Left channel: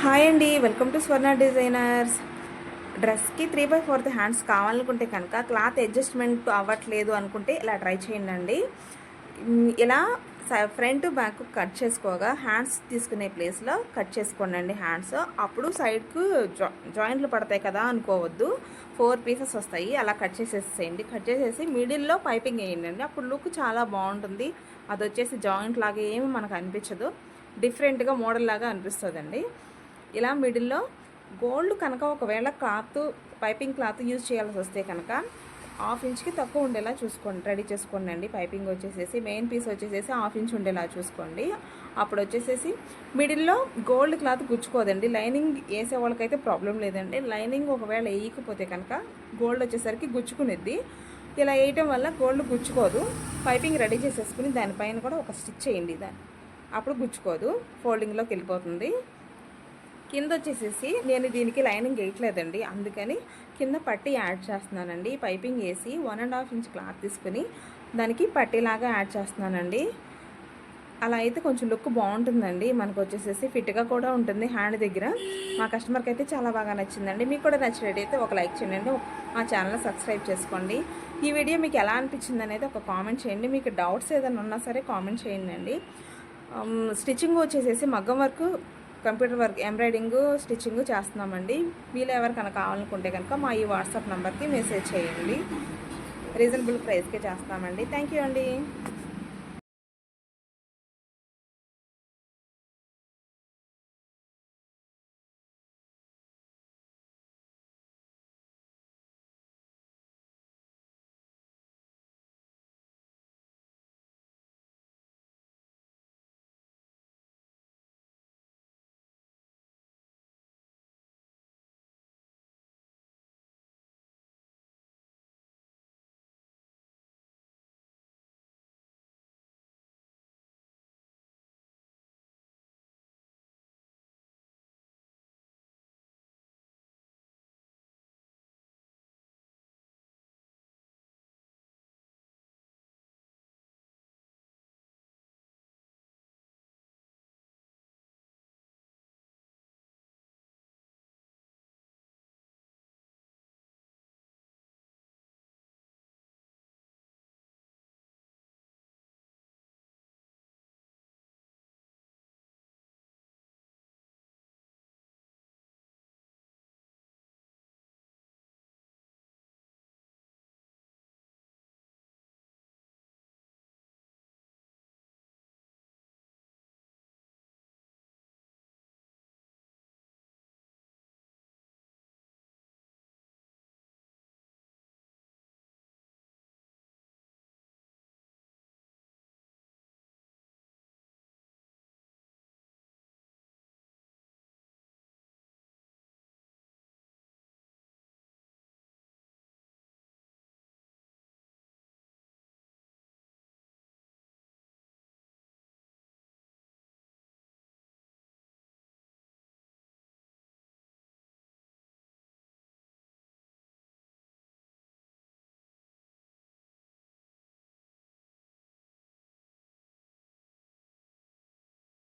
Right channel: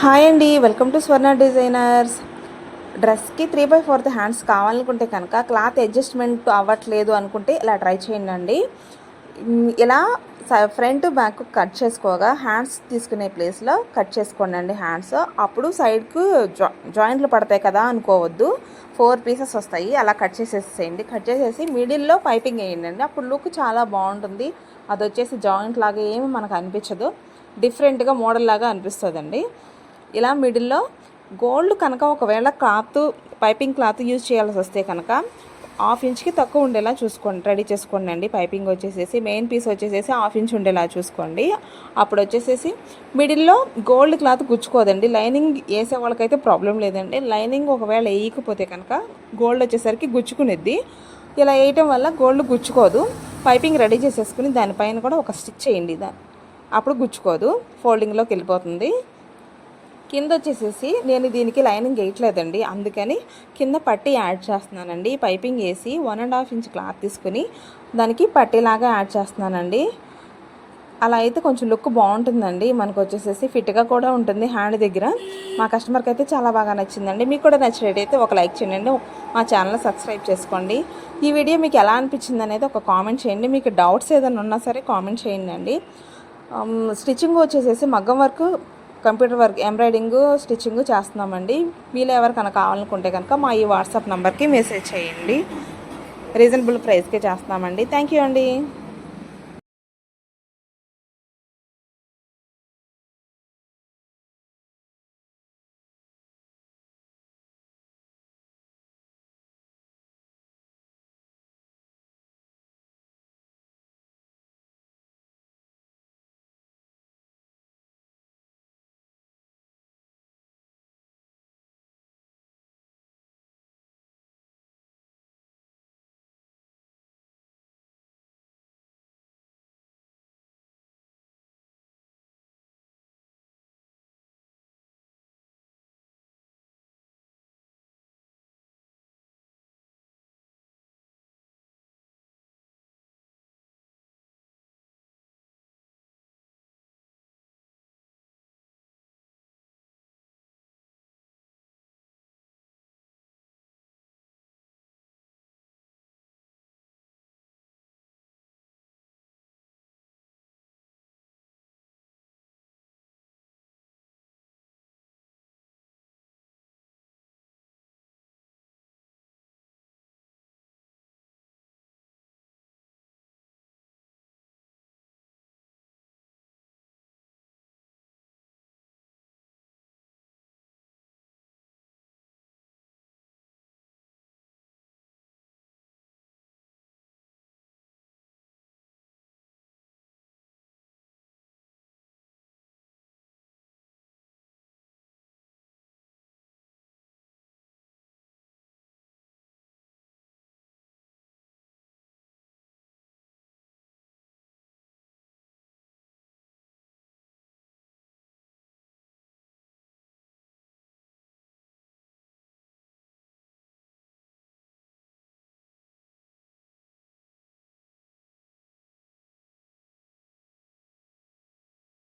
Hi అండి. Welcome to Swarna designers. డ్రెస్కి three by fourth hands కావాలనుకుంటే కనుక క్లాత్ అడ్జస్ట్మెంట్ అవ్వట్లేదు అనుకుంటే ఇలా ట్రై చేయండి అండి ఇలా ఫ్రంట్ బ్యాక్ కట్ చేసుకోగా హ్యాండ్స్ తీసుకునే ప్లేస్లో కట్ చేసుకోండి అండి హ్యాండ్స్. అప్పుడు సైడ్కు జా జాయింట్లు పడతాయి కదా అనుకోవద్దు. ఫోర్ పీసెస్ వస్తాయి. అలా కట్ చేసేసేయండి. కట్ చేసేసి మిడిల్లో పైపింగ్ వేయండి అండి అప్పుడు లుక్ చాలా బాగుంటుంది. అది వచ్చేసి జాయింట్ లాగా ఏమి మనకు అనిపించదు. డిఫరెంట్గా మోడల్ లాగా అనిపిస్తుందండి. ఇలా మిడిల్లో గోల్డ్ కనుక ఒకవేళ క్లాత్ పైపింగ్ క్లాత్ యూజ్ చేయాల్సి వస్తే కనుక హాఫ్ ఇంచ్కి తక్కువ ఉండేలా చూసుకోండి. రెడీ చేసుకోండి అండి. పైపింగ్ వచ్చేసేసి మెయిన్ పీస్ వచ్చేసేసి హాఫ్ ఇంచ్ ఉండేలా చూసుకోండి. అప్పుడు వచ్చేసేసి మిడిల్లో గోల్డ్ క్లాత్ గుచ్చుకోదండి. లైనింగ్ వేసే వాళ్ళకైతే ప్రాబ్లం లేదండి. లైనింగ్ ఒకవేళ వేయకపోతే కనుక గోల్డ్ వచ్చేసరికి గుచ్చుకునేది ఇలా వేయటం వల్ల గోల్డ్ గుచ్చుకోదు. పైపింగ్ రెడీ చేసేసుకుని దానిపైన కూడా ఒక స్టిచ్ చేయండి. దాన్ని అప్పుడు గుచ్చుకోదు. ఫోల్డింగ్లోకి వెళ్ళిపోతుంది. కింద వచ్చేసేసి నేను దీనికి లైనింగ్ వేయట్లేదండి అందుకని కింద పట్టీ యాడ్ చేస్తున్నానండి. పైపింగ్ వేసి one and half inch cloth తీసుకుని దానికి పట్టిలాగా యాడ్ చేస్తున్నానండి. అలా అయితే కొంచెం లుక్ బాగుంటుందండి. మనకు వచ్చేసేసి ఫిట్గా కూడా ఉంటుంది హ్యాండ్ దగ్గర. మా కస్టమర్కి అయితే చాలా బాగా నచ్చిందండి. మీకు కూడా నచ్చినట్టయితే ఒక లైక్ చేయండి. మా ఛానల్ సబ్స్క్రైబ్ చేసుకోండి. ఈ వీడియో మీకు ఎలా అనిపించింది అనేది ఒక కామెంట్ చేయండి. మీకు డౌట్స్ ఏదైనా ఉన్నా సరే కామెంట్ చేయండి అండి. స్టిచ్చింగ్ వచ్చేసేసి మగ్గం work computer work embroiding stitching చేస్తున్నామండి. మీరు ఎవరికైనా కావాలనుకుంటే కనుక మా ఈ వాట్సాప్ నెంబర్కి మెసేజ్ చేయండి. రీజనబుల్ ప్రైస్కే చేస్తున్నామండి. థ్యాంక్ యూ అండి.